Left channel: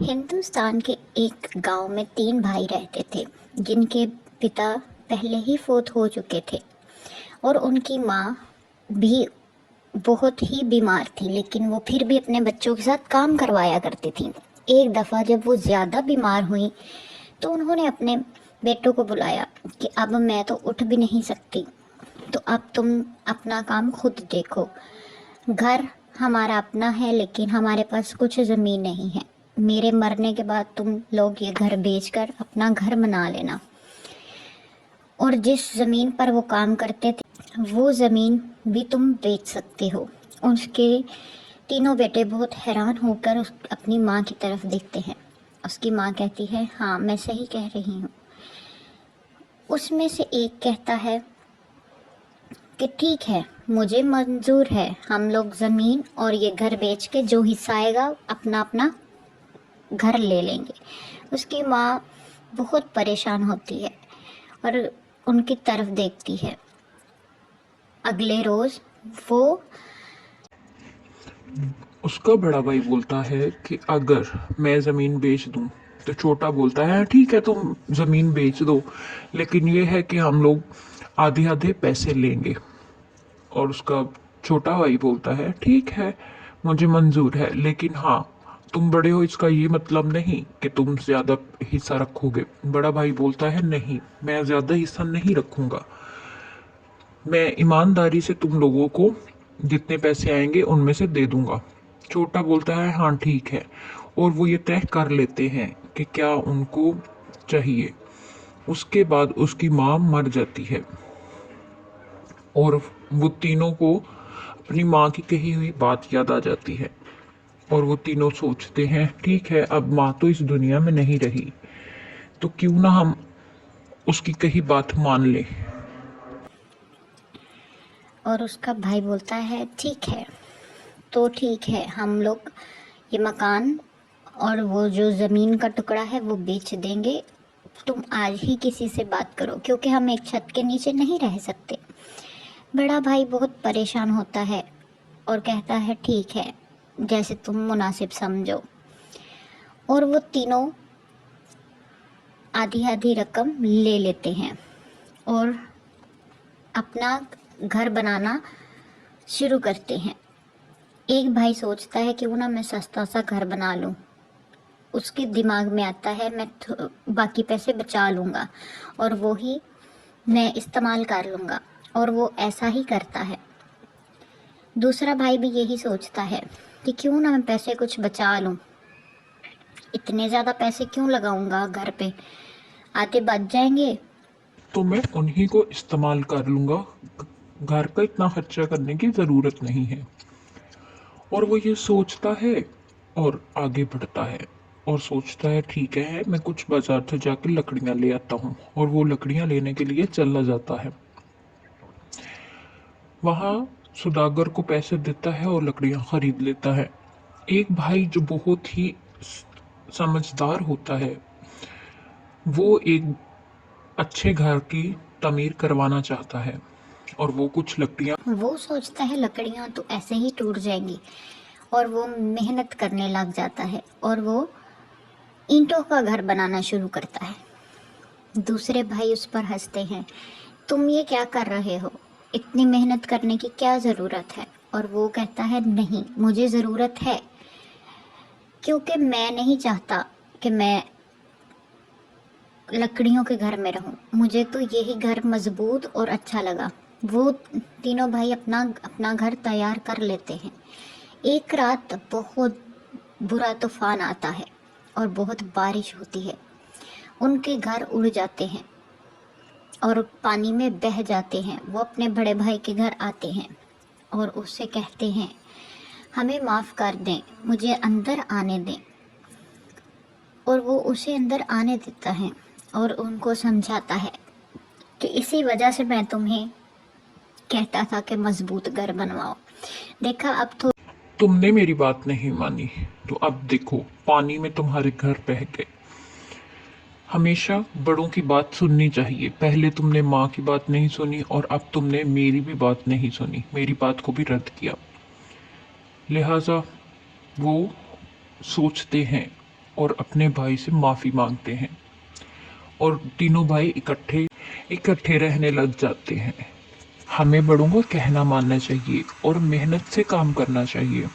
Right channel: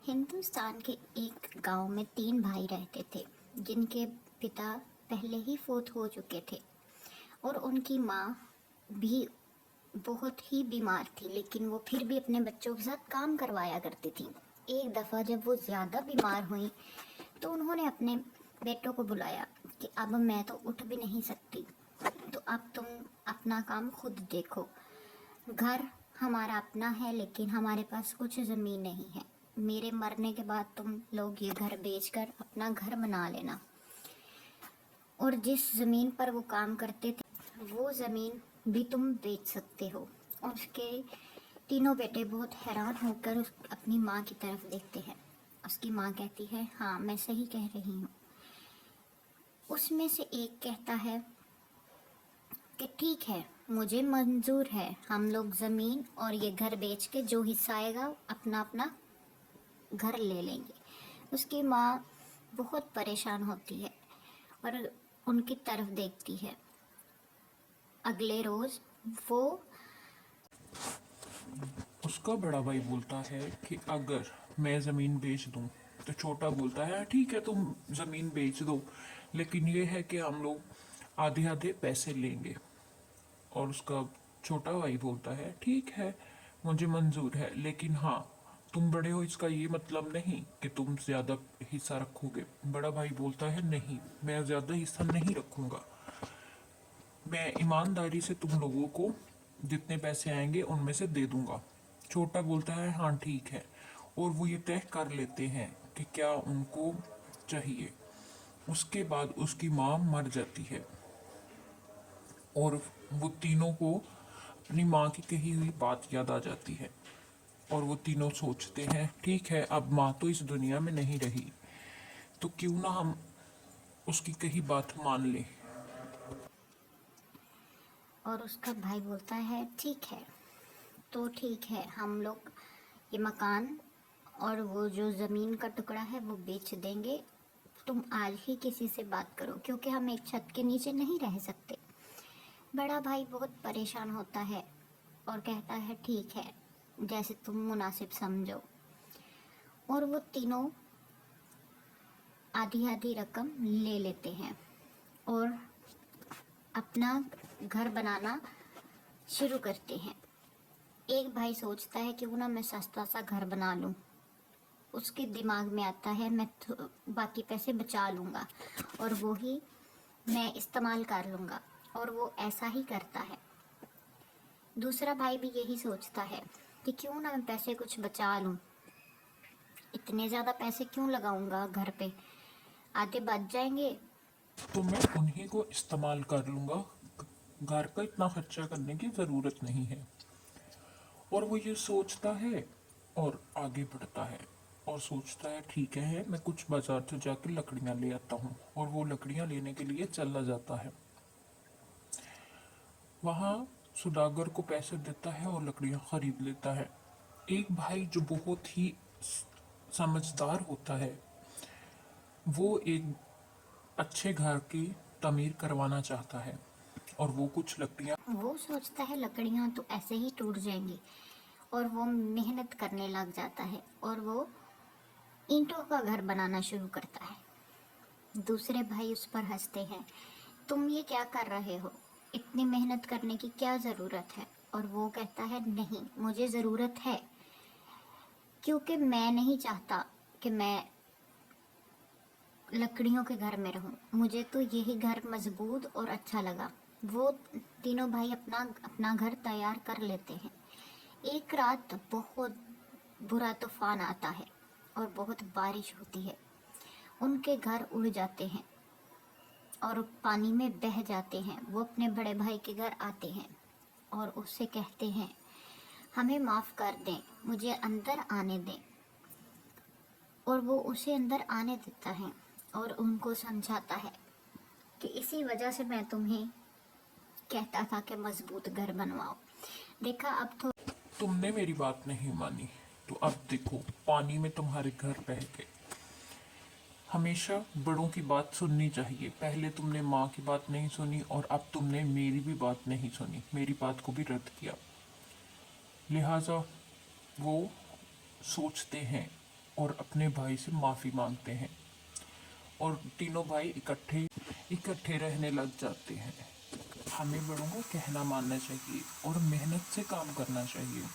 हिंदुस्तान के एक गांव में 3 भाई रहते थे, जिनके पिता पहले ही फौत हो चुके थे और उनकी माँ भी बहुत ही बीमार थी, लेकिन वो फिर भी अपने बच्चों के साथ काम करवाया करती थी। एक दफ़ा जब वो ज़्यादा बीमार हुई, तो उन्होंने अपने बेटों को बुलाया कि अब मैं तो उठ भी नहीं सकती, तो अब तुम अपना काम खुद देखो। घर हमारा अपना है, लेकिन हमारे पास कुछ ज़मीन नहीं है। मेरे मरने के बाद तुम लोग ये घर बेचकर अपना घर बना लेना, और जिस ज़मीन पर वो काम करते थे वो ज़मीन भी तुम बेच सकते हो। उसके तीनों बेटे बहुत हैरान होकर अपनी माँ की तरफ देखते हैं। उसकी माँ कहती है, हाँ मैं सही कह रही हूँ। उसमें से एक कहता है कि ठीक है, मुझे मंजूर है, हम लोग ज़मीन और ये घर बेच के जो हिस्सा आएगा अपना अपना घर ले लेंगे। उसकी माँ बहुत परेशान होती है और उनकी तरफ देखती है। अगले रोज़ वो उसका बड़ा भाई बोलता है कि अगर मैं ज़मीन बेच दूं, तो छोटा बोलता है ठीक है तुम ज़मीन बेच दो, लेकिन ये है कि हम लोग आधे आधे पैसे लेंगे। और उसका छोटा भाई बोलता है ठीक है, मुझे मंजूर है, लेकिन हाँ, तुम बड़े हो इसका ये मतलब नहीं कि तुम ज़्यादा हिस्सा रखोगे। बड़ा भाई बोलता है नहीं, मैं ज़्यादा हिस्सा नहीं रखूंगा, मैं ईमानदारी से तुम लोगों को जितने पैसे आएंगे उनमें से दे दूंगा। छोटा बोलता है हाँ ठीक है, और वो ये तय कर लेते हैं कि क्या उनको चाहिए। उसके बाद उसकी माँ मर जाती है और वो तीनों को अपनी माँ की कही हुई बात याद आ जाती है, और वो तीनों सोचते हैं ठीक है, अब माँ तो इस दुनिया में नहीं रही, तो क्यों ना हम उसकी कही बात मान लें। और उसका भाई बोलता है ठीक है, तो ठीक है, हम लोग ये मकान और वो जो ज़मीन का टुकड़ा है वो बेच देंगे। तुम आज ही किसी से बात करो, क्योंकि हम एक छत के नीचे नहीं रह सकते। बड़ा भाई बहुत परेशान होता है और कहता है ठीक है, जैसे तुम मुनासिब समझो। और वो तीनों आधी आधी रकम ले लेते हैं और अपना घर बनाना शुरू करते हैं। एक भाई सोचता है क्यों ना मैं सस्ता सा घर बना लूं। उसके दिमाग में आता है मैं बाकी पैसे बचा लूँगा और वो ही मैं इस्तेमाल कर लूँगा, और वो ऐसा ही करता है। दूसरा भाई भी यही सोचता है कि क्यों ना मैं पैसे कुछ बचा लूँ, इतने ज़्यादा पैसे क्यों लगाऊंगा घर पे, आधे बच जाएंगे। तो मैं उन्हीं को इस्तेमाल कर लूंगा, घर का इतना खर्चा करने की ज़रूरत नहीं है। और वो ये सोचता है और आगे बढ़ता है और सोचता है ठीक है, मैं कुछ बाजार से जाकर लकड़ियां ले आता हूँ, और वो लकड़ियां लेने के लिए चला जाता है। वहाँ सुदागर को पैसे देता है और लकड़ियां खरीद लेता है। एक भाई जो बहुत ही समझदार होता है, वो एक अच्छे घर की तमीर करवाना चाहता है, और वो कुछ लकड़ियां वो सोचता है लकड़ियाँ तो ऐसे ही टूट जाएंगी, और वो मेहनत करने लग जाता है और वो ईंटों का घर बनाना शुरू करता है। दूसरे भाई उस पर हंसते हैं, तुम ये क्या कर रहे हो, इतनी मेहनत करने की क्या ज़रूरत है। और वो कहता है नहीं, मुझे ज़रूरत है, क्योंकि मैं नहीं चाहता कि मैं लकड़ियों के घर में रहूं, मुझे तो यही घर मजबूत और अच्छा लगा। वो तीनों भाई अपना अपना घर तैयार कर लेते हैं। एक रात बहुत बुरा तूफान आता है और बहुत बारिश होती है। उनके घर उड़ जाते हैं और पानी में बह जाते हैं। वो अपने बड़े भाई के घर आते हैं और उससे कहते हैं, हमें माफ़ कर दें, मुझे अंदर आने दें। और वो उसे अंदर आने देता है और उनको समझाता है कि इसी वजह से मैं तुम्हें कहता था कि मजबूत घर बनवाओ। देखा, अब तो तुमने मेरी बात नहीं मानी, तो अब देखो पानी में तुम्हारे घर बह गए। हमेशा बड़ों की बात सुननी चाहिए। पहले तुमने माँ की बात नहीं सुनी, और अब तुमने मेरी भी बात नहीं सुनी, मेरी बात को भी रद्द किया। लिहाजा वो सोचते हैं और अपने भाई से माफ़ी मांगते हैं और तीनों भाई इकट्ठे इकट्ठे रहने लग जाते हैं। हमें बड़ों को कहना मानना चाहिए और मेहनत से काम करना चाहिए।